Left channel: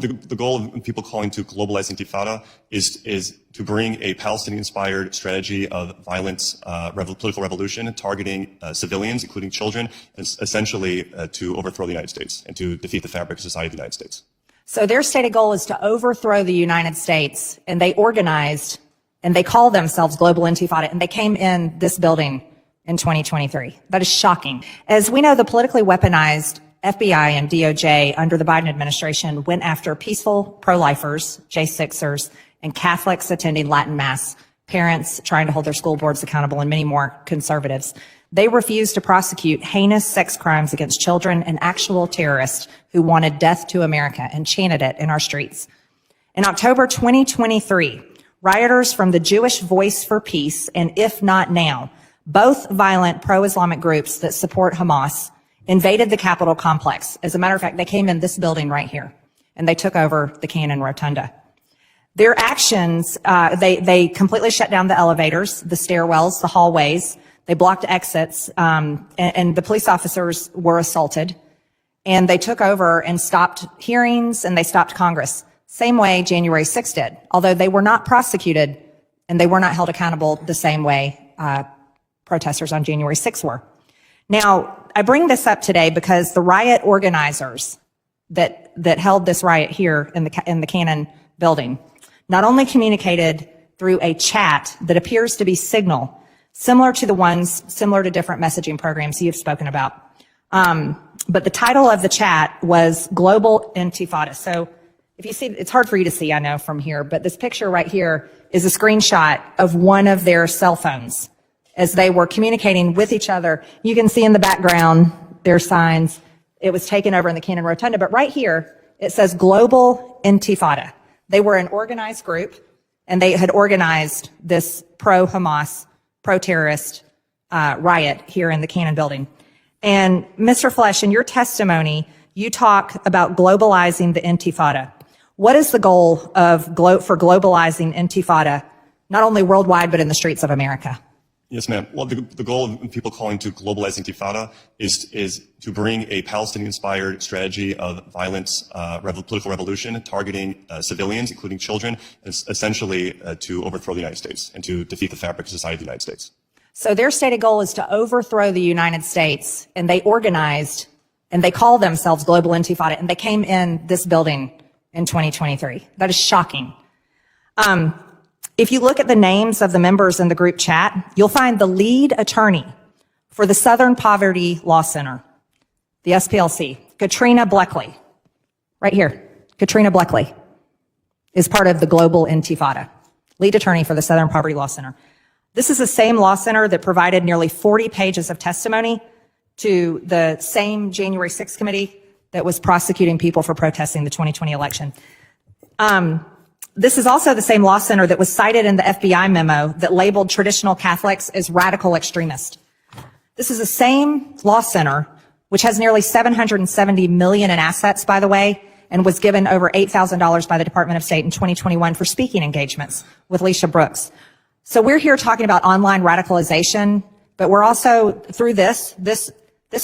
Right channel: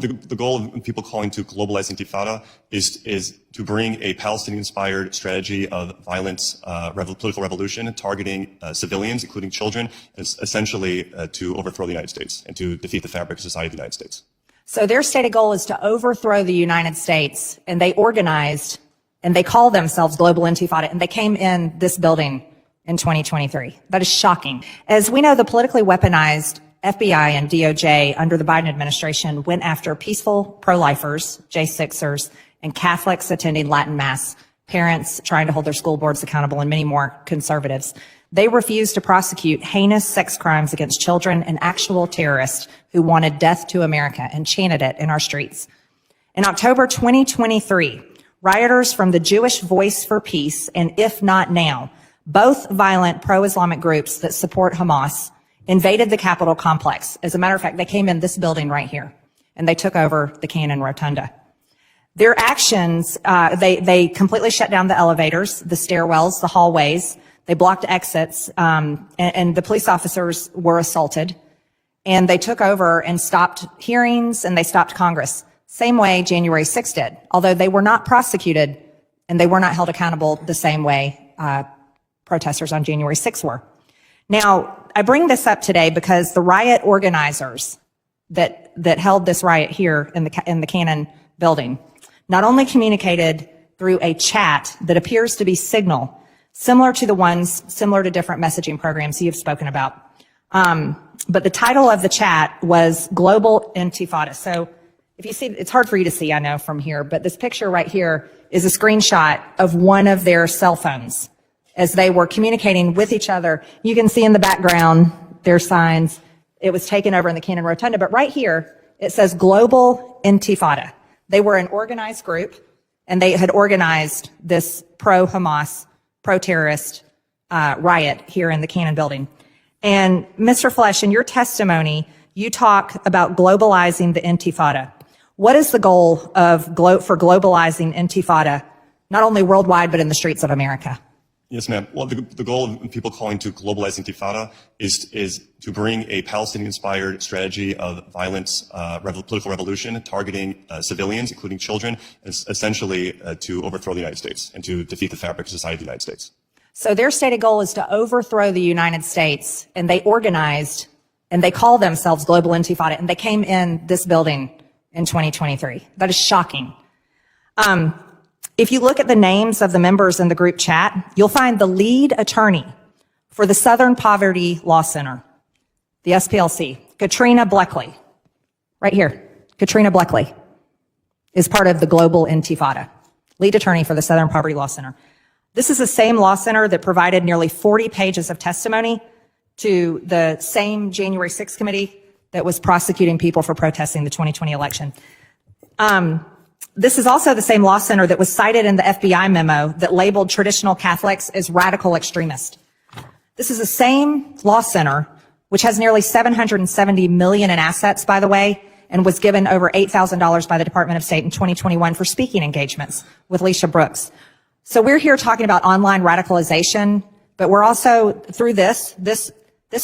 The goal of people calling to globalize Intifada is to bring a Palestinian-inspired strategy of violence, political revolution, targeting civilians, including children, essentially to overthrow the United States and to defeat the fabric of society of the United States. So their stated goal is to overthrow the United States, and they organized, and they call themselves Global Intifada, and they came in this building in 2023. That is shocking. As we know, the politically weaponized FBI and DOJ under the Biden administration went after peaceful pro-lifers, J6ers, and Catholics attending Latin Mass, parents trying to hold their school boards accountable, and many more conservatives. They refused to prosecute heinous sex crimes against children and actual terrorists who wanted death to America and chanted it in our streets. In October 2023, rioters from the Jewish Voice for Peace and If Not Now, both violent pro-Islamic groups that support Hamas, invaded the Capitol complex. As a matter of fact, they came in this building right here, and they took over the Cannon Rotunda. Their actions, they completely shut down the elevators, the stairwells, the hallways. They blocked exits, and the police officers were assaulted. And they took over and stopped hearings, and they stopped Congress. Same way January 6th did, although they were not prosecuted and they were not held accountable the same way protesters on January 6th were. Now, I bring this up today because the riot organizers that held this riot here in the Cannon building not only communicated through a chat that appears to be Signal, similar to different messaging programs you have spoken about, but the title of the chat was Global Intifada. So if you see, it's hard for you to see, I know, from here, but this picture right here is a screenshot of one of their cell phones as they were communicating with each other. You can see in the background their signs. It was taken over in the Cannon Rotunda, but right here it says Global Intifada. They were an organized group, and they had organized this pro-Hamas, pro-terrorist riot here in the Cannon building. And Mr. Flesh, in your testimony, you talk about globalizing the Intifada. What is the goal for globalizing Intifada, not only worldwide, but in the streets of America? Yes, ma'am. Well, the goal of people calling to globalize Intifada is to bring a Palestinian-inspired strategy of violence, political revolution, targeting civilians, including children, essentially to overthrow the United States and to defeat the fabric of society of the United States. So their stated goal is to overthrow the United States, and they organized, and they call themselves Global Intifada, and they came in this building in 2023. That is shocking. If you look at the names of the members in the group chat, you'll find the lead attorney for the Southern Poverty Law Center, the SPLC, Katrina Bleckley. Right here, Katrina Bleckley is part of the Global Intifada, lead attorney for the Southern Poverty Law Center. This is the same law center that provided nearly 40 pages of testimony to the same January 6th committee that was prosecuting people for protesting the 2020 election. This is also the same law center that was cited in the FBI memo that labeled traditional Catholics as radical extremists. This is the same law center, which has nearly $770 million in assets, by the way, and was given over $8,000 by the Department of State in 2021 for speaking engagements with Leisha Brooks. So we're here talking about online radicalization, but we're also, through this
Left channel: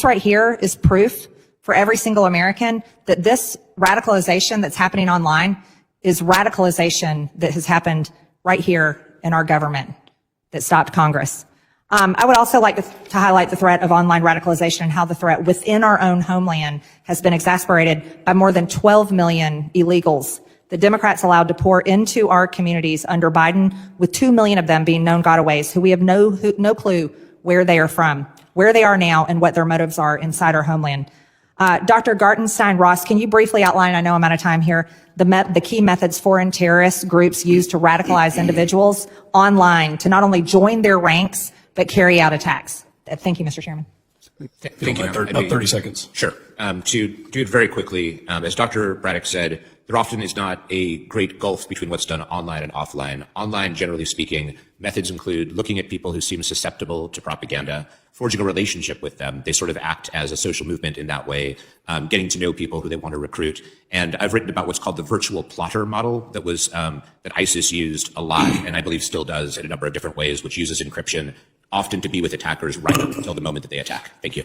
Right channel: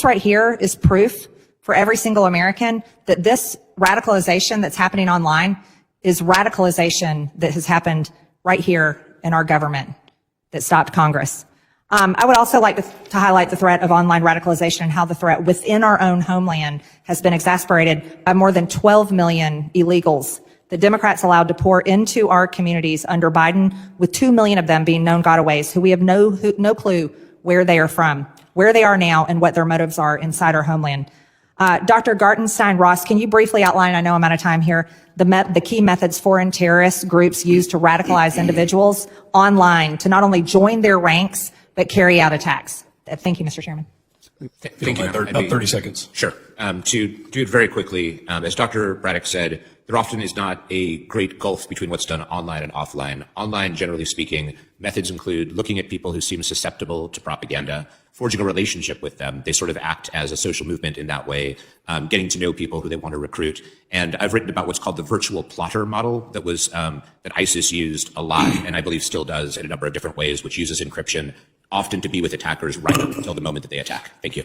right here is proof for every single American that this radicalization that's happening online is radicalization that has happened right here in our government that stopped Congress. I would also like to highlight the threat of online radicalization and how the threat within our own homeland has been exacerbated by more than 12 million illegals the Democrats allowed to pour into our communities under Biden, with 2 million of them being known gotaways who we have no clue where they are from, where they are now, and what their motives are inside our homeland. Dr. Gartenstein-Ross, can you briefly outline, I know I'm out of time here, the key methods foreign terrorist groups use to radicalize individuals online to not only join their ranks, but carry out attacks? Thank you, Mr. Chairman. Thank you. About 30 seconds. Sure. To do it very quickly, as Dr. Braddock said, there often is not a great gulf between what's done online and offline. Online, generally speaking, methods include looking at people who seem susceptible to propaganda, forging a relationship with them. They sort of act as a social movement in that way, getting to know people who they want to recruit. And I've written about what's called the virtual plotter model that was that ISIS used a lot, and I believe still does in a number of different ways, which uses encryption, often to be with attackers right up until the moment that they attack. Thank you.